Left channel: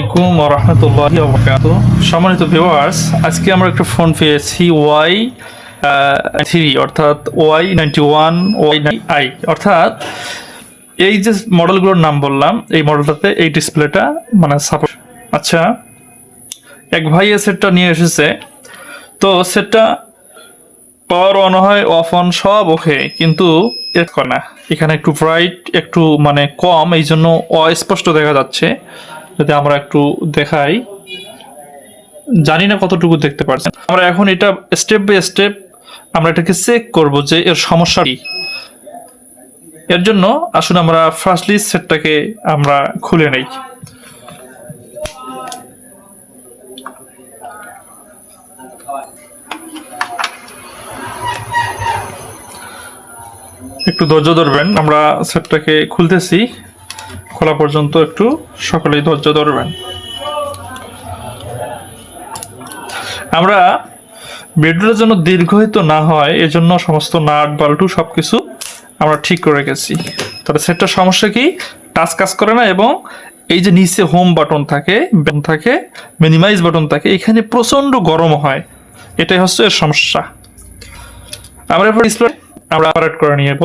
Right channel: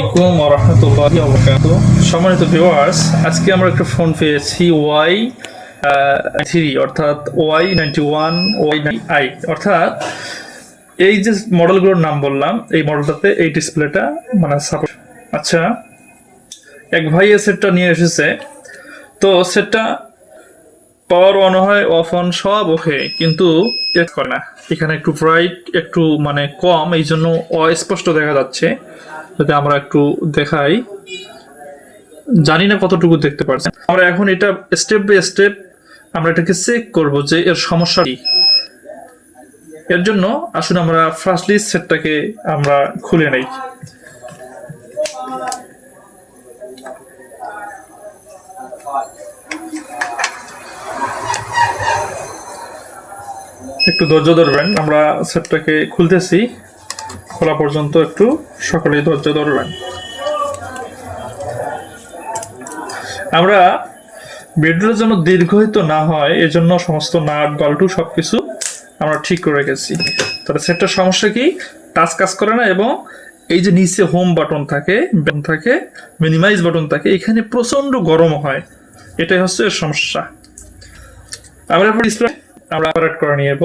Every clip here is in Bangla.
আসসালামাইকুম রহমতুল্লাহি ওবরাকাত সম্মানিত ভিউয়ার্স আজকে আমরা একটা ফোন পেয়েছি ওয়াই থ্রি অর্থাৎ Y ninety one Y I অর্থাৎ এই যে মডেলগুলোর নাম বললাম, এই মডেলটাতে এই ডিসপ্লেটা মানে সাপোর্ট আচ্ছা এক ভাই এই সেটটা নিয়ে এসেছে। তো সেটটা পাওয়ার অন হয় অফ অন সব ওকে কিন্তু করে না। এখানে একটু ব্রাইট একটু মানে কম এই জন্য অস্পষ্ট দেখা যাচ্ছে। যদি আমরা একটু দেখাই। জানি না কতটুকু দেখতে পারছেন আমরা এখন এটা স্টেপ বাই স্টেপ আমরা এটাকে চেক করব যে এর সমস্যা কি। এর জন্য আসুন আমরা ফার্স্টলি সেটটাকে আমরা খুলে নেই। একটু ধৈর্য ধরবেন, আমরা সেটটাকে খুলতেছি। খোলা পর্যন্ত একটু সকলেই ধৈর্য ধরবেন। আমরা ভিডিওটা যেন দীর্ঘায়িত না হয়, এজন্য সমস্ত নাট, বাল্টু সবকিছু আমরা ঠিক করে রেখেছি। তবে সেটটার সমস্যা কি? টাচ কাজ করে না এবং এই যে নিচে হোম বাটন থাকে থাকে মিনিমাইজ বাটন থাকে, এখানে প্রচণ্ড গরম হয়। এটাই হচ্ছে এর সমস্যা। আমরা ডিসপ্লে আমরা অপারেট করে নিয়ে যাব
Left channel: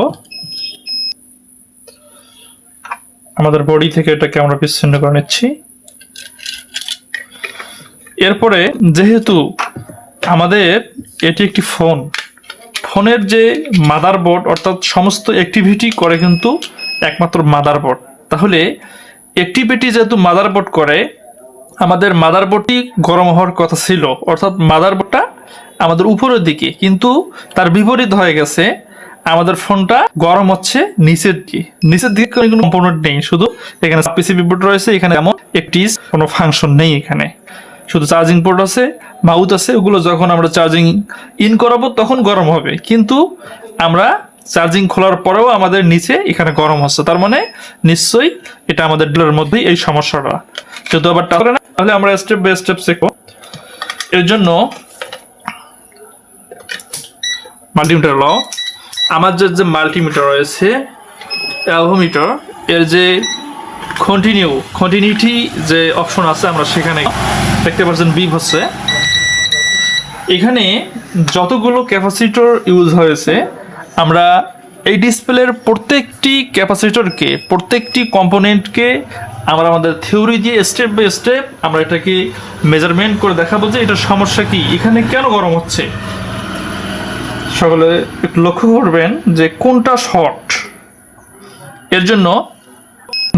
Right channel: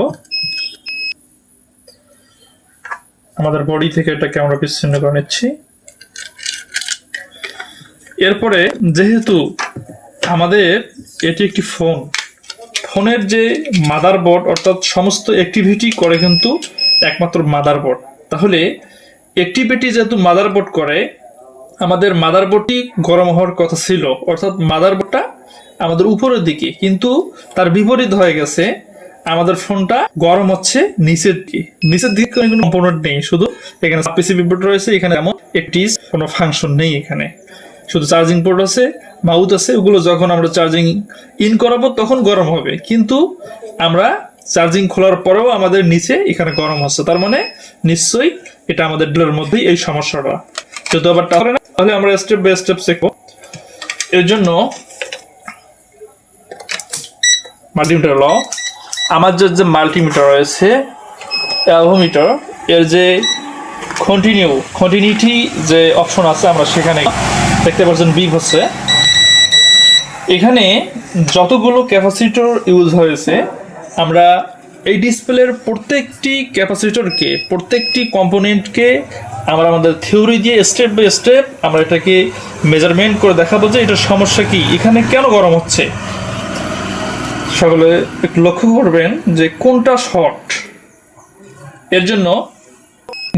আমাদের বডি থেকে এটাকে আমরা বিচ্ছিন্ন করে নিচ্ছি। এরপরে যেহেতু আমাদের এটি একটি ফোন ফোনের যে মাদারবোর্ড অর্থাৎ সমস্ত অ্যাক্টিভিটি করে কিন্তু একমাত্র মাদারবোর্ড তাহলে অ্যাক্টিভিটি যেহেতু মাদারবোর্ড করে, আমাদের মাদারবোর্ডটি গরম হওয়ার কথা ছিল, অর্থাৎ মাদারবোর্ডটা আমাদের উপরের দিকে, কিন্তু তার বিপরীত হয়ে গেছে আমাদের ফোনটা গরম হচ্ছে নিচের দিকে। নিচের দিকে কোনো কম্পোনেন্ট নেই, শুধু এখানে পিসিবি বোর্ড রয়েছে, এখানে এমন একটি কোনো ফাংশন নেই এখানে। শুধু চার্জিং পোর্ট আছে মাউথ আছে, ওগুলো যখন আমরা চার্জিং ইন করাবো তখন গরম হবে। কিন্তু আমরা চার্জিং খোলার পরেও আমাদের নিচে এখানে গরম হচ্ছে। তার মানে নিশ্চয়ই এটা আমাদের ডিলের মধ্যেই এই সমস্যাটা। যেহেতু আবার টাকা না, তাহলে আমরা স্টেপ বাই স্টেপ শেখো এর জন্য মাল্টিমিটার ল আমার যে যে মাল্টিমিটার রয়েছে অ্যালভোমিটার এর যে কন্টিনিউ কন্টিনিউটি যে অপশন আছে, আমরা সেখানে দেখতে পাচ্ছেন বি হচ্ছে। এখানে যতগুলো ক্যাপাসিটর ইউজ হয়েছে, আমরা এই ডিসপ্লের প্রত্যেকটি ক্যাপাসিটরকে প্রত্যেকটি কম্পোনেন্টকে আমরা আমাদের থিওরি দিয়ে স্টেপ বাই স্টেপ আমরা এটাকে মেজারমেন্ট করে দেখাবো যে এটার সমস্যা কি, এখানে কেন গরম হচ্ছে। সকলে একটু লক্ষ্য করবেন যে কোনটা শর্ট। এর জন্য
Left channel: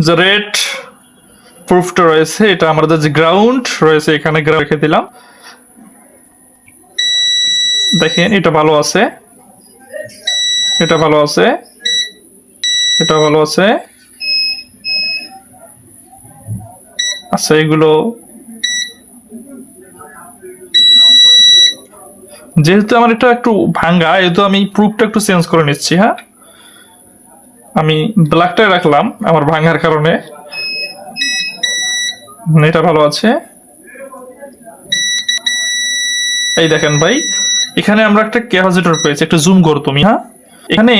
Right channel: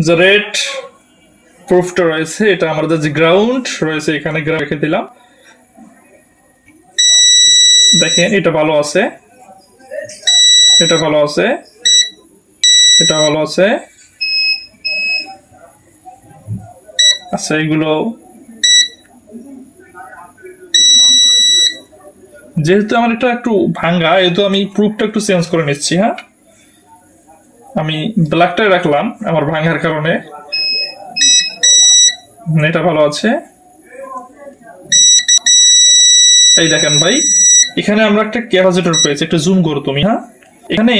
যে রেড প্রুফটা রয়েছে, এটা আমাদের যে গ্রাউন্ড রয়েছে, এখানে রেখে দিলাম। দেখেন, এটা ভালো আছে। এটা ভালো আছে। এটা ভালো আছে। আচ্ছা এগুলো যেহেতু আমার এটা একটু ভাঙ্গা যেহেতু আমি প্রুফটা একটু চেঞ্জ করে নিচ্ছি হ্যাঁ? আমি ব্ল্যাকটা রাখলাম আমার ভাঙার কারণে। এটা ভালো আছে। এই দেখেন ভাই, এখানে আমরা একটা ক্যাপাসিটর পেয়েছি, একটা জুম করো তুমি হ্যাঁ? এখানে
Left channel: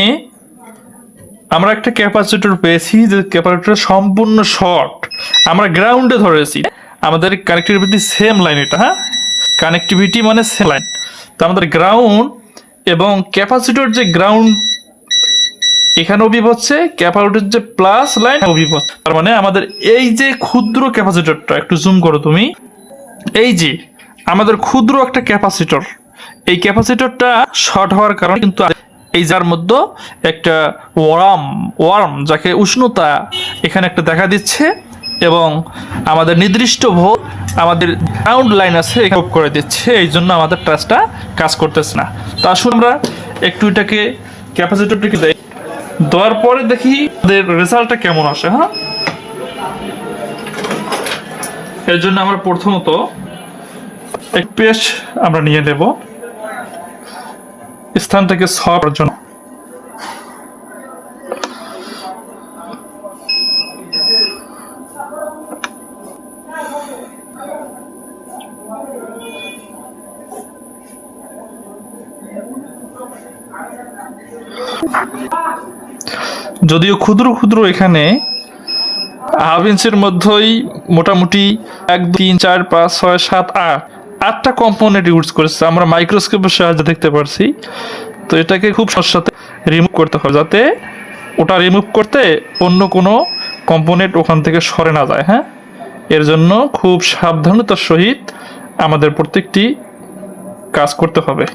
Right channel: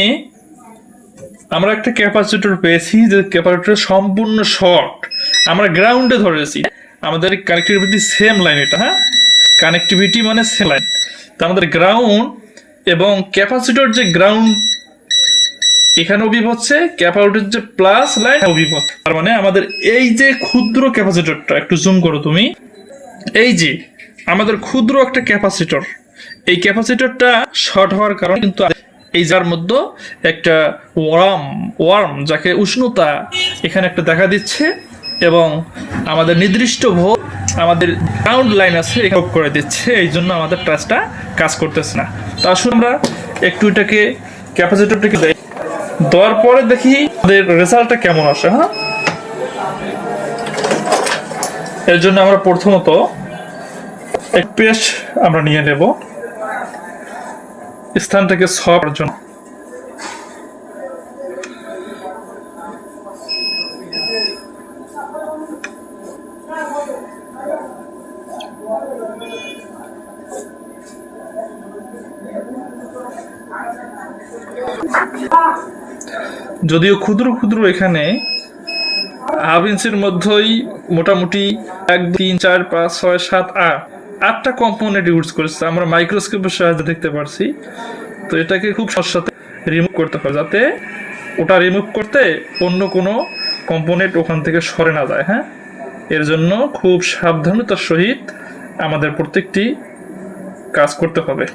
আমরা একটা ক্যাপাসিটর পেয়েছি যে ক্যাপাসিটর সম্পূর্ণ শর্ট আমরা গ্রাউন্ডে ধরেছি। আমাদের কানেক্টিভিটি সেম লাইন এটা হ্যাঁ? কানেক্টিভিটি মানে সেম লাইন তো আমাদের গ্রাউন্ড এবং ক্যাপাসিটর যে গ্রাউন্ড এখানে অভিভ হচ্ছে ক্যাপাসিটর যে প্লাস লাইন হচ্ছে তার মানে আমাদের এই যে ক্ষুদ্র ক্যাপাসিটরটা একটু জুম করো তুমি। এই যে আমাদের ক্ষুদ্র একটা ক্যাপাসিটর এই ক্যাপাসিটরটা শর্ট হওয়ার কারণে কিন্তু এই যার মধ্যে একটা ওয়ার্ম ওয়ার্ম যাকে উষ্ণতা এখানে একটা দেখা দিচ্ছে। এবং আমাদের নির্দিষ্ট ভোট আমাদের গ্রাউন্ড লাইন আছে করে দিচ্ছে। এই জন্য আমাদের টাচটা কাজ করতেছে না। তো আসুন আমরা একটু এটাকে ক্যাপাসিটরটাকে দেই দেওয়ার পরে দেখি আমাদের রেজাল্টটা কেমন আসে হ্যাঁ? এর জন্য আমরা প্রথমত এক পেস্ট আমরা নিয়ে নেব। স্থান থেকে সরার জন্য। যদিও ক্ষুদ্র ক্ষুদ্র এখানে বারো ইঞ্চির মধ্যেই মোটামুটি এক, তিন, চার, পাঁচ, ছয়, সাত, আট, আটটা কম্পোনেন্ট ইউজ করেছে। আমরা মাইক্রোস্কোপের সাহায্যে দেখতে পারছি। তো এটাকে খুব সাথে রিমুভ করতে হবে যাতে ওটা রিমুভ করতে অন্য কোনো কম্পোনেন্ট ওখান থেকে সরে না যায় হ্যাঁ? এর জন্য খুব সাবধানতার সহিত আমাদের প্রত্যেকটি কাজ করতে হবে।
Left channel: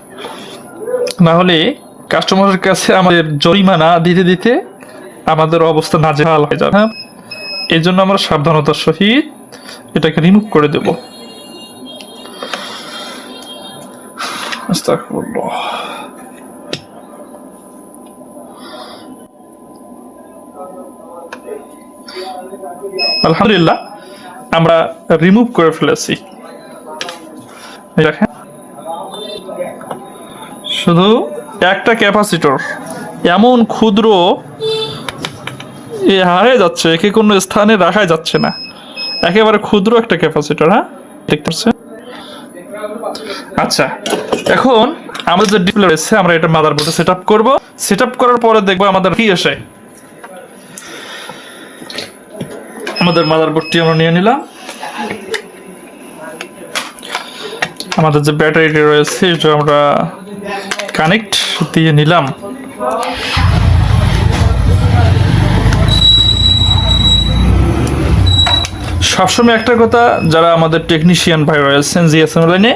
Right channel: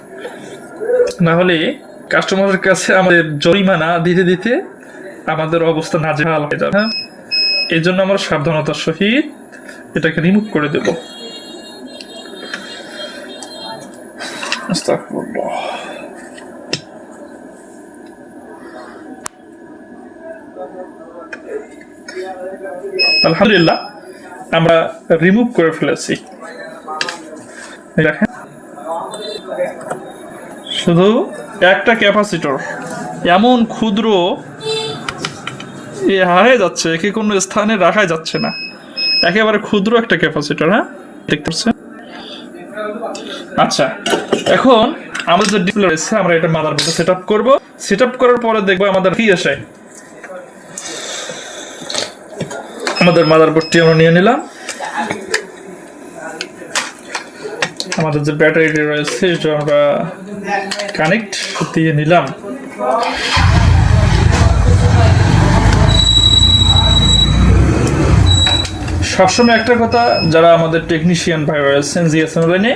না হলে কাস্টমারের কাছে আমাদের জরিমানা দিতে দিতে আমাদের অবস্থা নাজেহাল হয়ে যাবে। হ্যাঁ এই জন্য আমরা সাবধানতার সহিত এটাকে রিমুভ করে দেব। আলহামদুলিল্লাহ, আমরা রিমুভ করে ফেলেছি। শুধু একটা ক্যাপাসিটর, এমন ক্ষুদ্র এ হারিয়ে যাচ্ছে, একে কোনো স্থানে রাখা যাচ্ছে না। একেবারে ক্ষুদ্র একটা ক্যাপাসিটর হ্যাঁ? দেখতে পাচ্ছেন? আচ্ছা এখন আমাদের যে ডিসপ্লে রয়েছে, আমরা এটা মাদারবোর্ডে সেট আপ করব। সেট আপ করার পরে দেখব আমাদের কি আসে। আমাদের মাদারবোর্ডটি আমরা নিয়ে নিলাম। আমাদের যে ব্যাটারিটি রয়েছে, এটা আমরা কানেক্ট দিয়ে নিলাম। সবসময় একটা কথা, যারা আমাদের টেকনিশিয়ান ভাই রয়েছেন জিএসএম লাইনে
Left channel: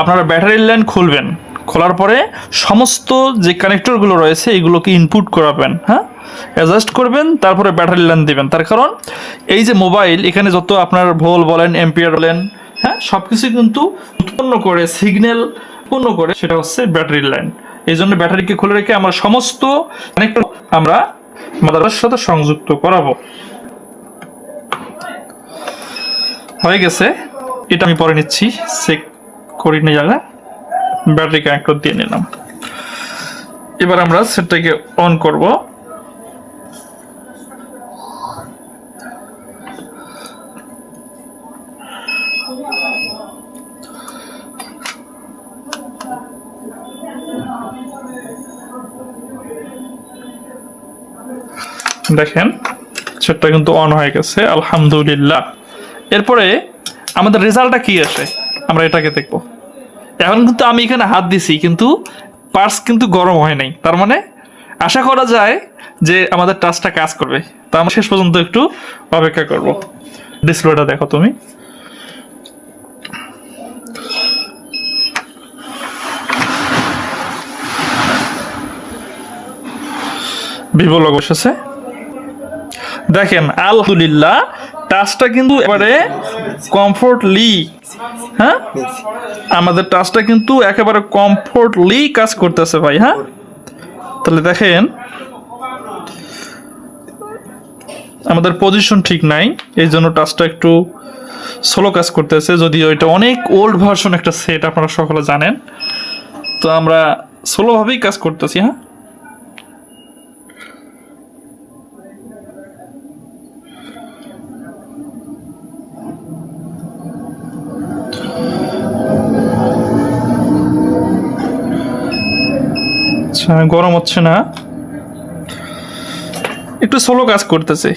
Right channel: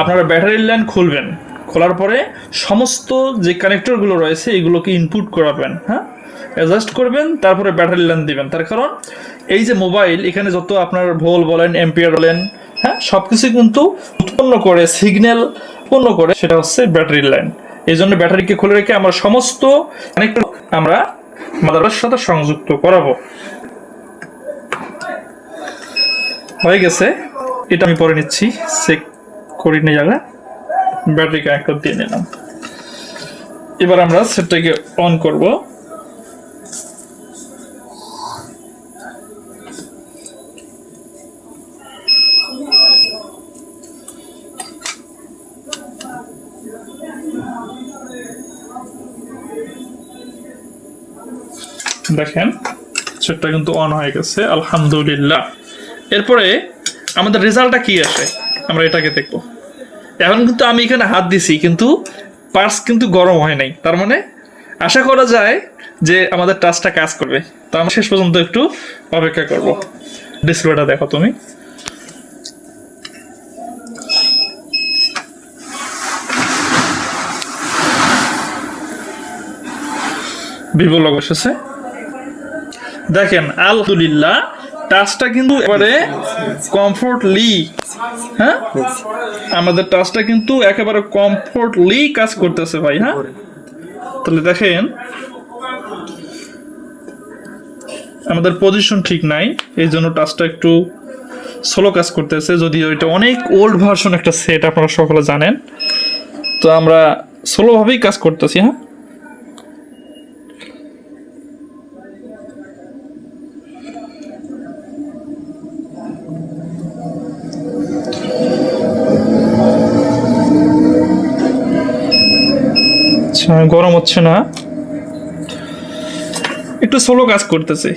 আপনারা ব্যাটারি লাইন খুলবেন। খোলার পরে সমস্ত যে কানেক্টরগুলো রয়েছে, এগুলোকে ইনপুট করাবেন হ্যাঁ? অ্যাডজাস্ট করবেন, তারপরে ব্যাটারি লাইন দেবেন। তার কারণ, এই যে মোবাইল এখানে যত আপনার ভোল বলেন এম্পিয়ার বলেন হ্যাঁ? সব কিছু কিন্তু উৎপন্ন করে সিগন্যাল উৎপন্ন করে, সেটা হচ্ছে ব্যাটারি লাইন এই জন্য ব্যাটারিকে খুলে রেখে আমরা সমস্ত কানেক্টর আমরা মাদারের সাথে সংযুক্ত করাবো। হয়ে গেছে। এটা আমি পরে নিচ্ছি। চেক করি নিয়ে যাবে ব্যাটারি কানেক্টর দিয়ে নিলাম। এবার আমরা সেটটাকে অন করব। দেখেন সেটটা কিন্তু অন হয়ে গেছে। আলহামদুলিল্লাহ। এরপরে আমাদের রেজাল্টটা কি আসে? আমরা এটাকে দেখব। এখন কিন্তু আমি এখানে হাত দিছি, কিন্তু পার্স কিন্তু গরম হয় নাই। তার মানে আশা করা যায় যে আমাদের টাচটা কাজ করবে। তো আমরা শেষ পর্যন্ত একটু অপেক্ষা করব। ডিসপ্লেটা দেখো তুমি। ভিভো লোক এসেছে দেখেন, আলহামদুলিল্লাহ টাচটা কিন্তু এবারে কমফোর্টলি হ্যাঁ? আমাদের টাচটা কিন্তু একেবারে কমফোর্টলি কাজ করতেছে ভাই হ্যাঁ? তাহলে দেখেন, আমাদের পজিশন ঠিক নাই, এই জন্য টাচটা একটু স্লো কাজ করতেছে। যদিও এটা অনেক ওল্ড ভার্সন একটা সেট আপনারা সকলে জানেন। তো আমরা স্লোভাবেই কাজ করতেছি হ্যাঁ? আচ্ছা গরম হচ্ছে না। একটু সোলো কাজ করতেছে।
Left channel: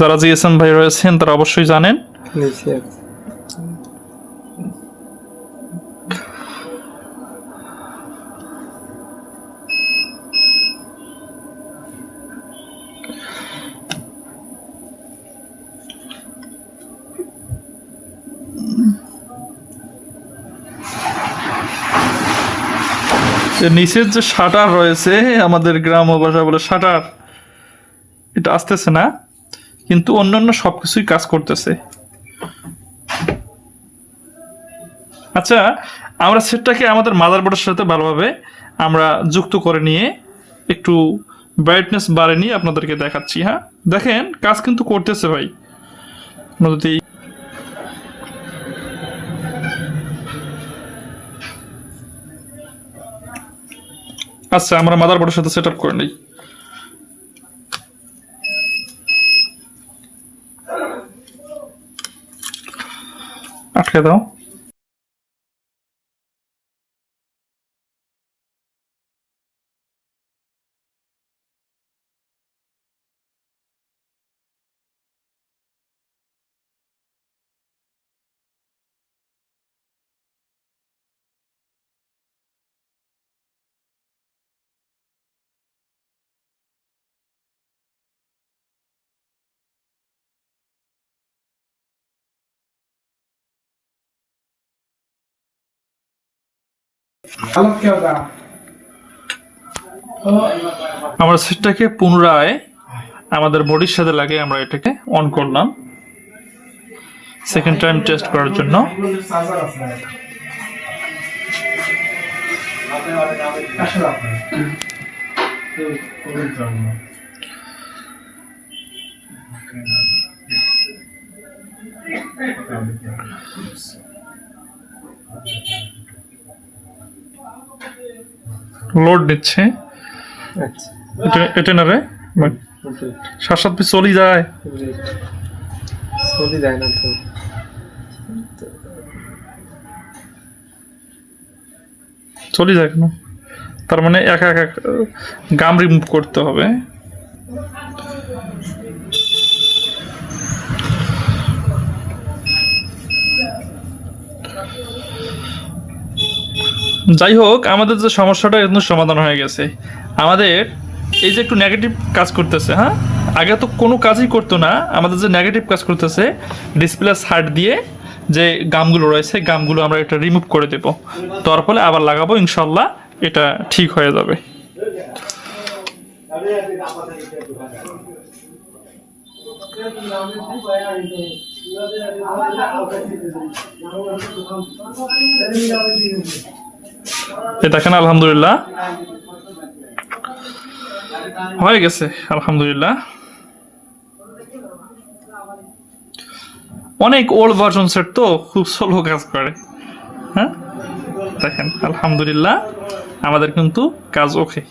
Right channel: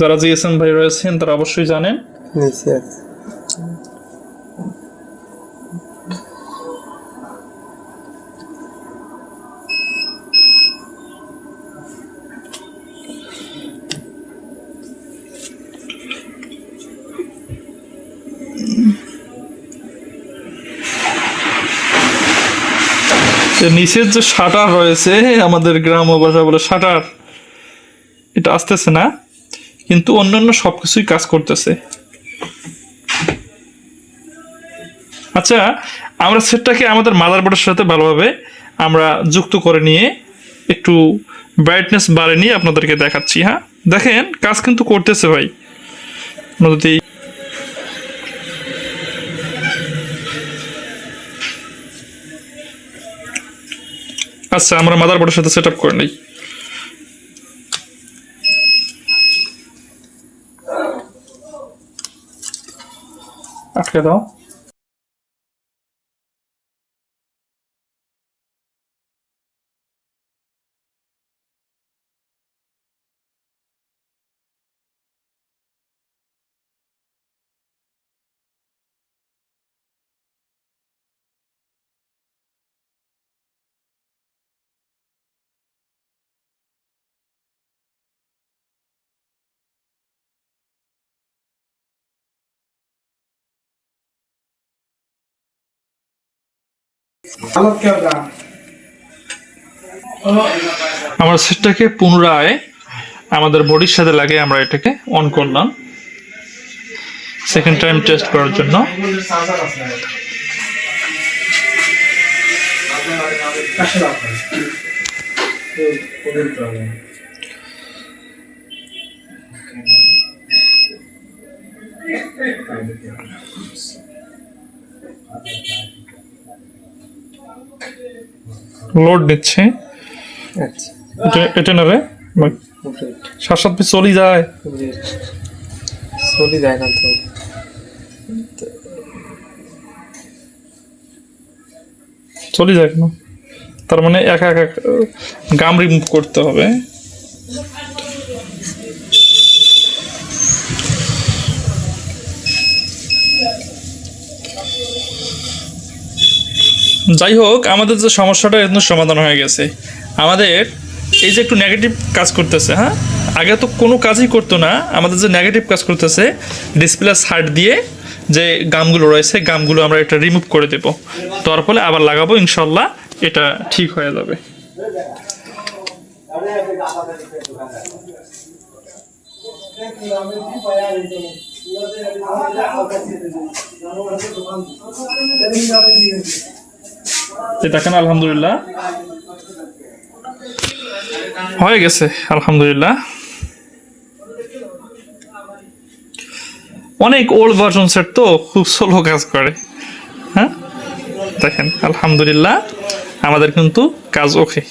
যারা জিএসএম ভাই রয়েছেন তারা অবশ্যই জানেন। নিচের যে শাটার রয়েছে, আমাদের গ্রাম ভাষা বলে শাটার, এটা আসতেছে না, কিন্তু অন্যান্য সব কিছুই কাজ করতেছে। আচ্ছা আমরা সেটটাকে আমাদের মাদারবোর্ডের সাথে ভালোভাবে আমরা যুক্ত করে নিয়ে একটু ব্রাইটনেস বাড়ে নিয়ে আপনাদেরকে দেখাচ্ছি হ্যাঁ? দেখেন, কাজ কিন্তু করতেছে ভাই। যদি আচ্ছা আমরা মাদারবোর্ডের সাথে সেট আপ করে নিই। আটকে দাও। আমরা সেটটাকে পুনরায় আমাদের বডির সাথে লাগে আমরা এটাকে অন করলাম সেকেন্ড টাইম টেস্ট করার জন্য Thank you. লোড দিচ্ছে। আচ্ছা। এটা এটা না রে? সাত সাত পিস চলি যায়। চলে যায় না তো। চলে যায় কেন? তার মানে একা এক গাম রিমুভ করতে হবে। যাই হোক আমাদের যে সমস্যাটা এখন সমাধান হয়ে গেছে। আমাদের এই যে একটু নেগেটিভ কাজ করতেছে হ্যাঁ? আগে তো কোনো কাজই করতো না, আমাদের যে নেগেটিভ কাজ করতেছে ডিসপ্লে সাইড দিয়ে যে গামগুলো রয়েছে, গামগুলো আমরা এটা রিমুভ করে দেব। তার ফলে আবার লাগাবো, ইনশাল্লাহ এটা ঠিক হয়ে যাবে। এ দেখেন আলহামদুলিল্লাহ। হয়ে গেছে, আলহামদুলিল্লাহ। অনেক ওল্ড ভার্জন সেট তো, খুব স্লো কাজ করে। হ্যাঁ? দেখেন, আলহামদুলিল্লাহ, আমাদের কিন্তু কাজ ওকে